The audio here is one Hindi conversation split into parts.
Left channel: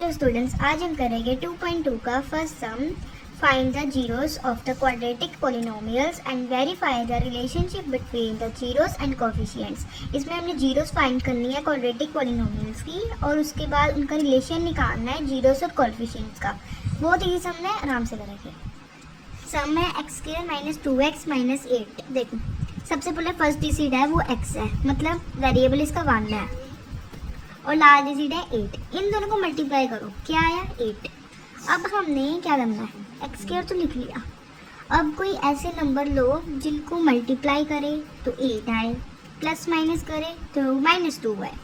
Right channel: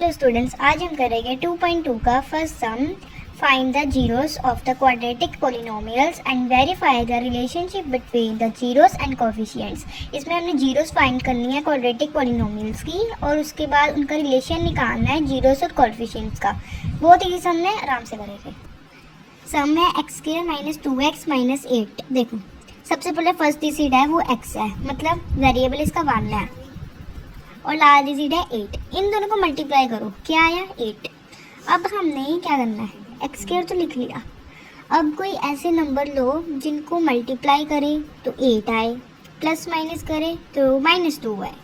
हेलो स्टूडेंट्स, आज हम करेंगे 2.2 का first sum. Find the zeros of the quadratic polynomials and verify the relationship between the zeros and coefficients. इसमें हमने जीरोस फाइंड करनी है क्वाड्रेटिक पॉलिनोमियल्स की और उसके बाद उनका रिलेशन निकालना है जीरोस और कोएफिशिएंट्स का। बहुत ही सम में आराम से करेंगे। सम है x² माइनस 2x माइनस 8। देखो, सबसे पहले फर्स्ट डिजिट है वो x है, मतलब वेरिएबल इसका 1 है और लास्ट डिजिट है 8। इन दोनों को मल्टीप्लाई करो, क्या आया 8। अब हमने क्या करना है, x² तो लिख लिया। अब कोई ऐसे नंबर लो जिनको मल्टीप्लाई करे तो 8 आए, प्लस माइनस करे तो -2 आए।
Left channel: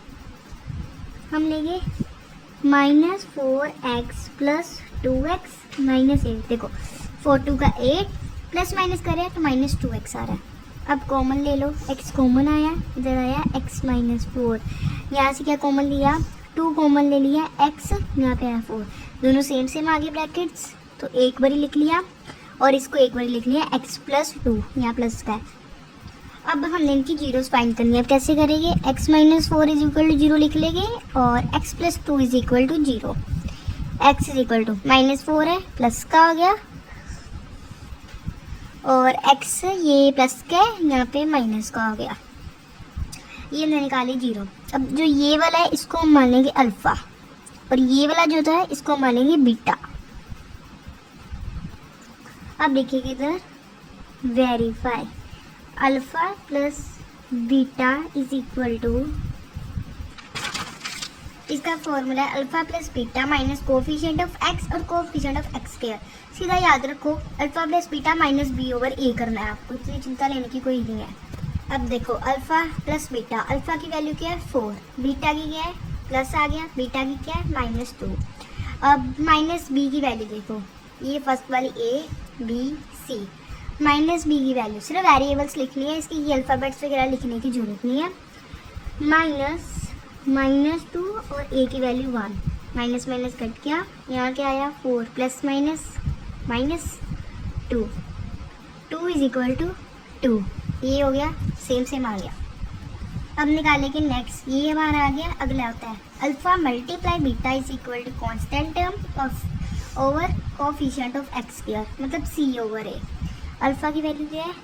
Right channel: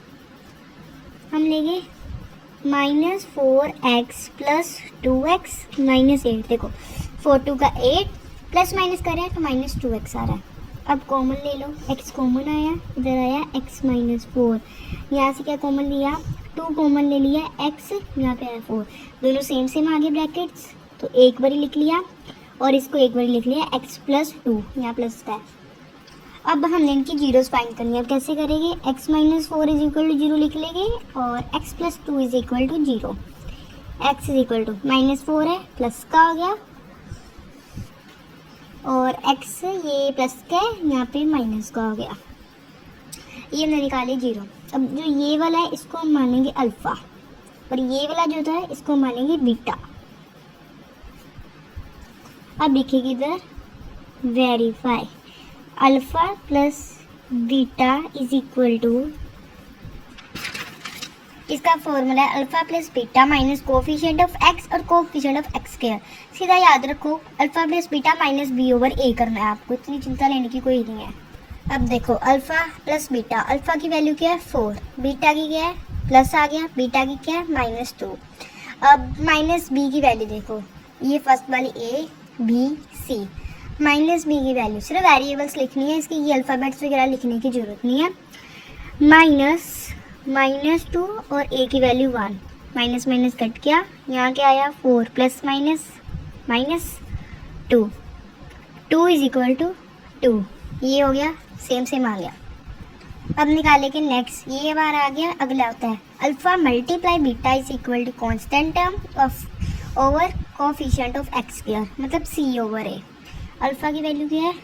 हम लेंगे -4x प्लस 2x माइनस 8। देखो 4 2 का 8, प्लस माइनस करे तो -2x आ रहा है। अब कॉमन ले लो, x कॉमन आया, इधर आया x माइनस 4। यहाँ से क्या कॉमन लिया, 2 कॉमन ले लिया, x यहाँ पे आया 4। दोनों सेम आगे ब्रैकेट्स, तो एक बारी लिख लिया और इसको एक बारी लिख लिया x प्लस 2, यहाँ प्लस का है। अब हमने इनकी जीरोस फाइंड करनी है। अब कैसे करेंगे, x minus 4 is equal to 0 लिख लेंगे और x plus 2 is equal to 0। x is equal to -4 है, प्लस का हो गया, और x ये प्लस का है, यहाँ पे माइनस का हो गया। ये हमने निकाली 0। अब जो ये वाला है इसको हम मानेंगे अल्फा और ये वाला जो होता है इसको मानेंगे बीटा। अब देखिए इधर verify alpha plus beta is equal to, इसका फॉर्मूला है alpha plus beta minus coefficient of x और कोएफिशिएंट ऑफ x²। सीधा याद रखो alpha plus beta minus b over a करना है आपको, इतनी चिंता लेने की कोई नहीं है। अब देखो अल्फा प्लस बीटा, अल्फा की वैल्यू क्या है 4, बीटा की क्या है प्लस आ गया, बीटा की क्या है -2। अब माइनस b की वैल्यू देखो, ये फर्स्ट वाली a b c, minus b की वैल्यू सिर्फ वेरिएबल्स लिखनी है, इसकी ये अल्फ़ाबेट्स वगैरह लिखने की जरूरत नहीं है। -2 और a की वैल्यू 1, माइनस माइनस कट गया, यहाँ क्या आया 4 plus minus -2, 2 is equal to 2। ये हो गया, सेम आ गया। अब निकालेंगे नेक्स्ट, ये बार आ गया। अगला होता है alpha multiply beta is equal to constant term of over coefficient of x², मतलब c ओवर a। अल्फा की वैल्यू क्या है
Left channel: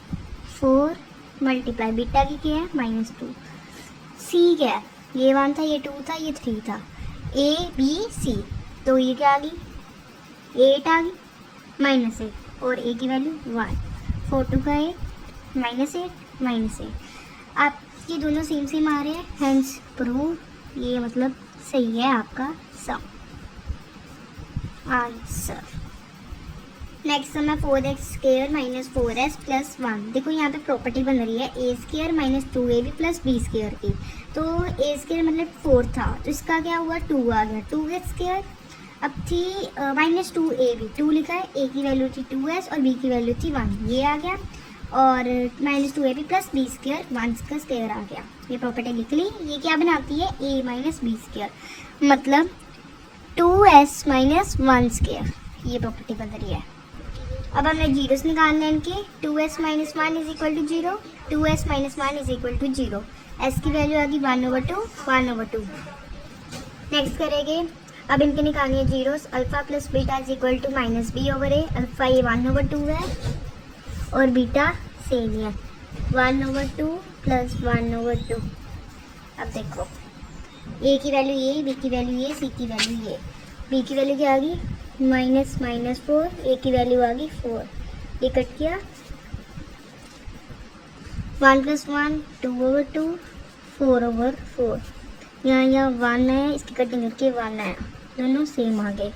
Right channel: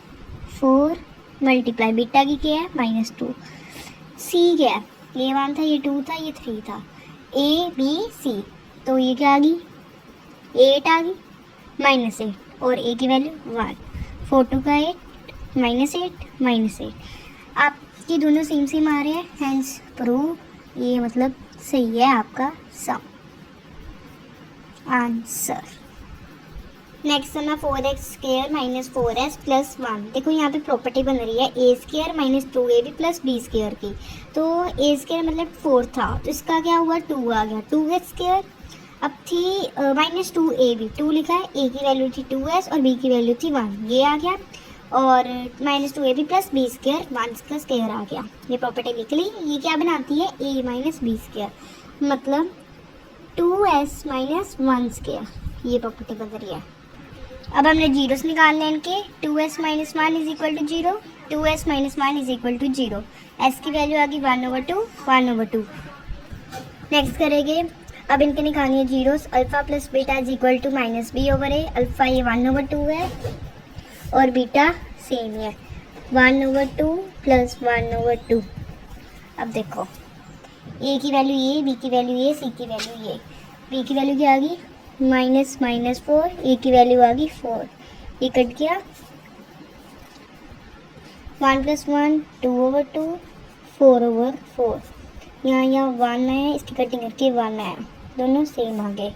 4 मल्टीप्लाई बीटा की क्या है -2, c क्या है, ये 1 था, ये 2 था, ये 3 था, a b c, तो ये क्या आ गई 8 आ गई, -8 और a की वैल्यू 1, 4 2 का 8 -8 आपकी दोनों सेम आ रहे हैं, हेंस प्रूव ये मतलब सही है आपका सम आंसर। नेक्स्ट सम है 4x² माइनस 4s प्लस 1। देखो यहाँ पे प्रॉपर्टी बन रही है a² minus 2ab plus b² की। तो a² मतलब 4 था, तो इसका क्या हुआ 2 आ गया, 2s²। अब थी -2ab, 2 लिखा है, a की वैल्यू थी 2s और b की वैल्यू थी 1, ये आ गया, और -2ab प्लस b² 1 का स्क्वायर आ गया। ये प्रॉपर्टी लिख ली। ये क्या बनाती है a माइनस b², मतलब 2s माइनस 1², ये प्रॉपर्टी बन रही है। अब हमने जीरोस निकालने हैं इनके, 2s minus 1 is equal to 0, 2s minus 1 is equal to 0। s की वैल्यू आ गई 1/2। नेक्स्ट करेंगे, अब इनके निकालनी है zeros. Alpha plus beta is equal to -b over a। Alpha ये 1/2 है और बीटा सेम ही है, 1/2 प्लस 1/2। अब देखो a की वैल्यू ये, b की वैल्यू ये, c की वैल्यू ये। b की वैल्यू क्या आ गई -4, a की वैल्यू आ गई 4, ये कट गया, 1 प्लस 1 2/2, 4/4। यहाँ 1 आया, इसकी कटिंग करके 1 आया, दोनों सेम आ गए।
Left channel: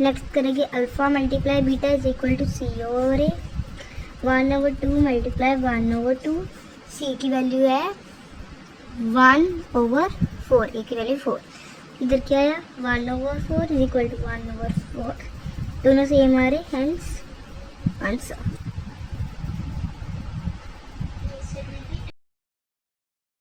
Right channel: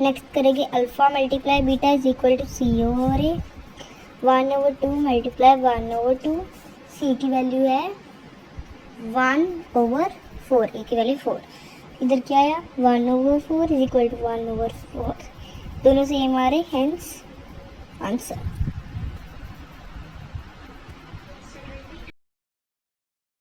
नेक्स्ट करेंगे alpha multiply beta is equal to c over a, 1/2 multiply 1/2, c की वैल्यू है 1/4, a की वैल्यू 4। इधर क्या आया 1/4 इज इक्वल टू 1/4, दोनों सेम आ रहे, हेंस आंसर।